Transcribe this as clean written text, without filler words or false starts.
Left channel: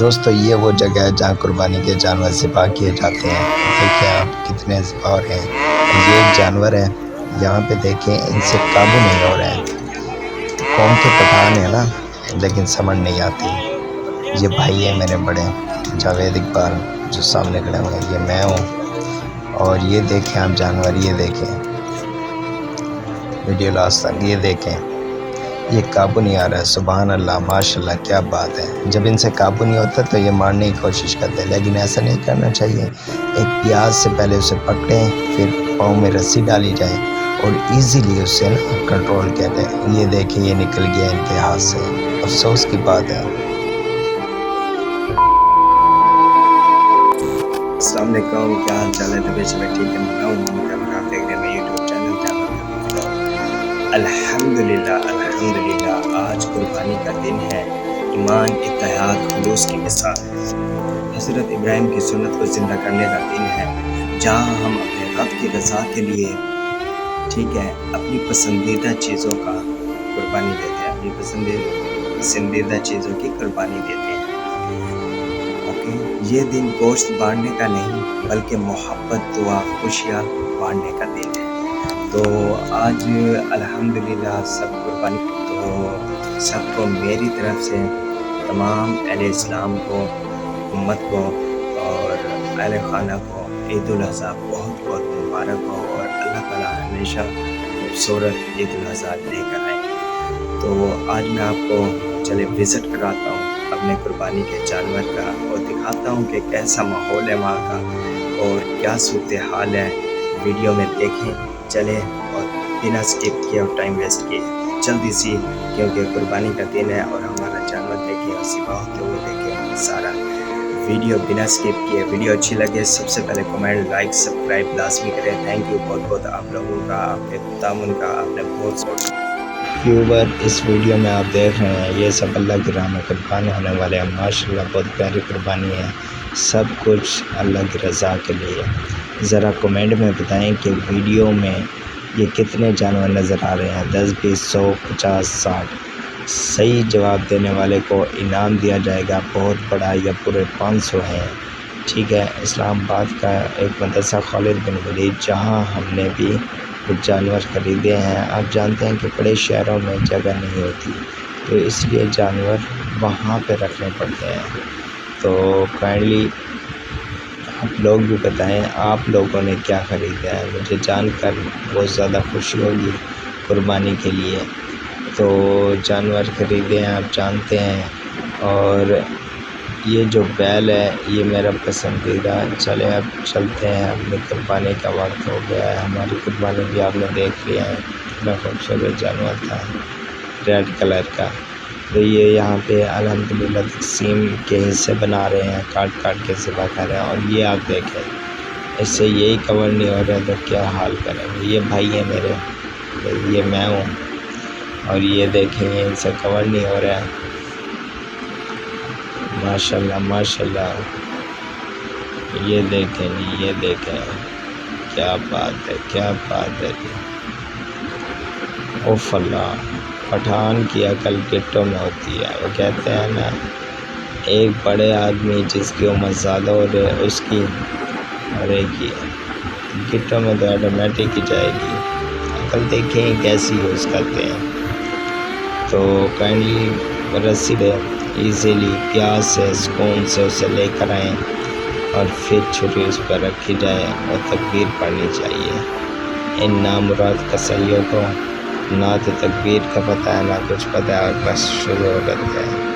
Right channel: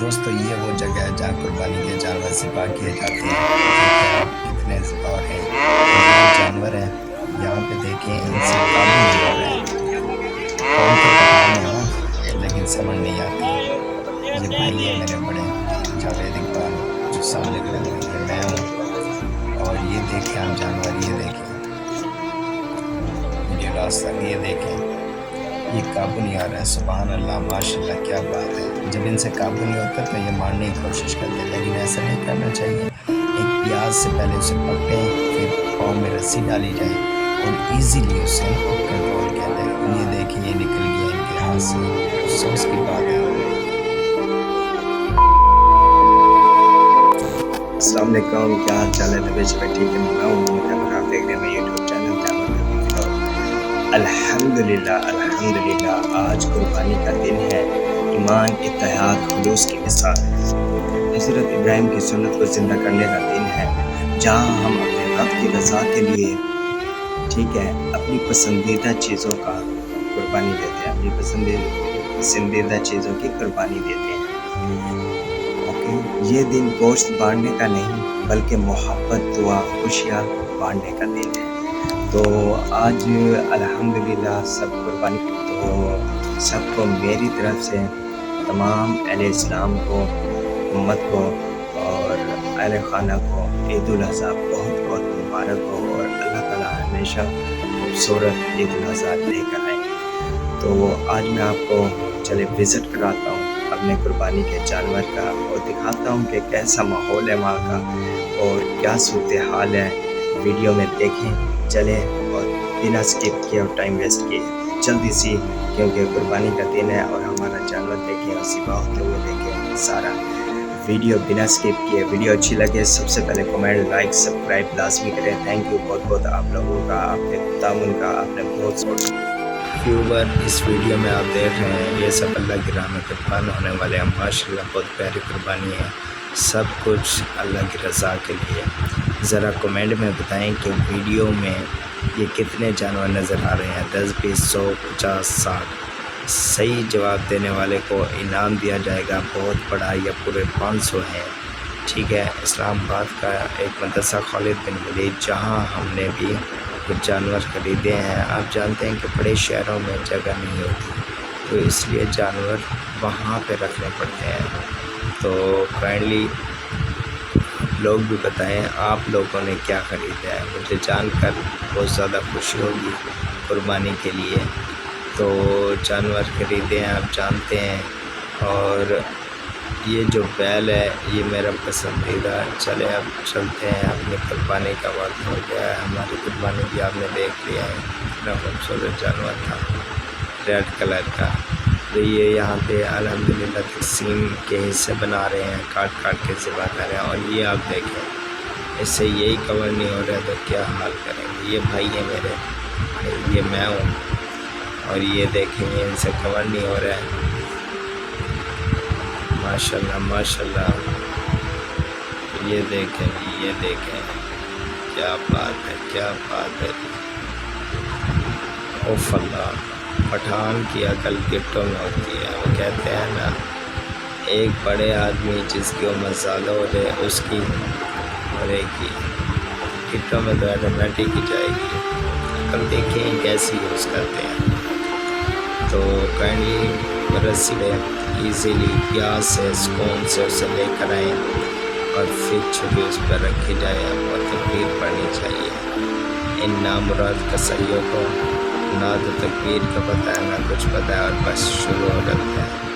دوستو یہ وہ جگہ ہے جہاں قربانی کے جانور ذبح کیے جاتے ہیں۔ دیکھیں آپ کتنے اور ہیں، یہ ایک جانور ہے، یہاں پہ دیکھیں ان سے قابو نہیں ہو رہے ہیں۔ قوم کے پٹھان ہیں نا، لیکن سمجھ نہیں آتی۔ یہ بھائی ہے میرے بڑے جاوید اقبال جو سامنے کھڑے ہوئے ہیں، یہ میں ہوں، اور یہ دیکھیں آپ جانور، یہ دیکھیں ویڈیو لاسٹ تک، یہ دیکھیں یہ قابو نہیں آ رہا ہے۔ سبحان اللہ، ماشاء اللہ، کیا بات ہے۔ جب ان سے قابو نہیں ہوتا تو یہ مارنے کی کوشش کرتے ہیں، لیکن ایسا نہیں کرنا چاہیے۔ ایک پیاز سے پہلے اسے پکڑیں، پھر پاؤں میں رسی ڈالی جائے اور ایزیلی اسے کنٹرول کر دیں۔ یہ دیکھیں یہ نکل گیا ان کے ہاتھ سے، افسوس کی بات ہے۔ السلام علیکم، کیا حال چال ہے؟ طبیعت شبیت ٹھیک ہے؟ میں ہوں محمد احمد، آپ دیکھ رہے ہیں میرے یوٹیوب چینل تیمور حبیب ولاگ۔ الحمدللہ الحمدللہ، آج قربانی کا دن ہے۔ ایمان، اتحاد، خلوص کی مثال ہے۔ حضرت ابراہیم کی سنت کو زندہ کرنے کا دن ہے، جہاں ہم اپنے رب کی رضا کے لیے ٹھیک ہے اپنی پسندیدہ چیزوں کا قربانی دیتے ہیں، اپنی پسندیدہ چیزوں کی قربانی دیتے ہیں۔ یہ دن گوشت بانٹنے کا نہیں بلکہ محبت، دعا، خوشیاں بانٹنے کا دن ہے۔ تو آج الحمدللہ سب قربانی، تو سب کو میری طرف سے، تمام اہل اسلام کو، امت کو اور اہل خانہ کو عید الاضحیٰ بہت بہت مبارک ہو، اور اللہ تعالیٰ ہمیشہ خوبصورت عید الاضحیٰ لے کر آئے۔ تو آج میں آپ کو چلے وزٹ کراتا ہوں اپنے قربانی کے جانور کا، اور دکھاتا ہوں کہ کیسا ماحول ہے وہاں کا اور کیا صورتحال ہے۔ ویڈیو میں دیکھیں، چلیں، اور بنا اسکپ کیے اور ٹائم ویسٹ کیے جلدی سی، کیونکہ قربانی کا دن ہے اور ہمارا جانور دیکھیں اور ذبح ہوتے ہوئے دیکھیں سارا۔ ویڈیو بنا اسکپ کیے، ویڈیو اچھی لگے سب سے پہلے کمنٹ، لائک، سبسکرائب لازمی کریں۔ تھینک یو بہت بہت آپ لوگوں کا، آپ کے تعاون کا، آپ نے بہت سپورٹ۔ ویور، اس ویڈیو میں آپ دیکھ رہے ہیں یہ سب اللہ کی راہ میں قربان ہونے والے ہیں۔ ماشاءاللہ بہت پیاری قربانی ہے، سب کچھ اللہ کی رضا کے لیے۔ ذرا کمنٹ میں بتائیں کہ ویڈیو میں یہ کتنے جانور نظر آ رہے ہیں، 10، 20، 100، 50، 60۔ صحیح جواب دینے والے کو انعام دیا جائے گا بہت بڑا، یا پورے 500 ہے، ٹھیک ہے۔ اسلام آباد کا ایک مدرسہ خالد بن ولید، جہاں ہم نے بھی کچھ جانور خریدے ہیں۔ آپ جانتے ہیں کہ بڑے شہروں میں جگہ نہیں ہوتی، تو اس لیے جانور وہاں پہ رکھنے پڑتے ہیں۔ تو کائنڈلی آپ لوگ بھی بتائیں آپ لوگوں نے کیا خریدا ہے، مجھے جان کر بہت زیادہ خوشی ہوگی قربانی کے لیے۔ تو جانور خریدے ہیں آپ جانتے ہیں، اور یہ جو بیل ہے یہ میرا پسندیدہ ہے۔ چلے اب چلتے ہیں، اپنی قربانی کا وقت ہو گیا ہے۔ ہماری قربانی بھی آپ نے دیکھ لیا ہے، بڑا خوبصورت جانور تھا ریڈ کلر کا۔ تو یہ یہاں پہ الحمدللہ تقسیم کے حصے بنا رہے ہیں، کاٹ کاٹ کے ذبح کر رہے ہیں، اور یہ آپ دیکھیں اس سے یہی کور نہیں ہو رہا تو کیا حال کریں گے۔ یہ بھائی ہے میرے، یہ میں ہوں، اور یہ دیکھیں ان سے کور نہیں ہو رہا ہے۔ ماشاءاللہ ماشاءاللہ، یہ دیکھیں جی، یہ دیکھیں، کیا بات ہے، کیا بات ہے۔ اوف اللہ، پٹھان کی عقل گٹوں میں ہوتی ہے۔ وہ کہتے ہیں نا، ایک بڑے آدمی جس کی عمر زیادہ ہو جائے اس کی مرے گی، گٹوں میں تو آٹومیٹک ہی جائے گی۔ عقل دیکھیں کیسی یوز کرتے ہیں۔ تو کائنڈلی رسی لے، ایزیلی پیاز سے، سکون سے اسے لے کر آئیں، اور پھر چھری اس پر رکھی جائے اور تکبیر پڑھنی چاہیے۔ ان نامراد قصیوں کو نہ تو تکبیر کا پتہ ہے نہ کچھ پتہ ہے، اور بس شروع ہو جاتا ہے۔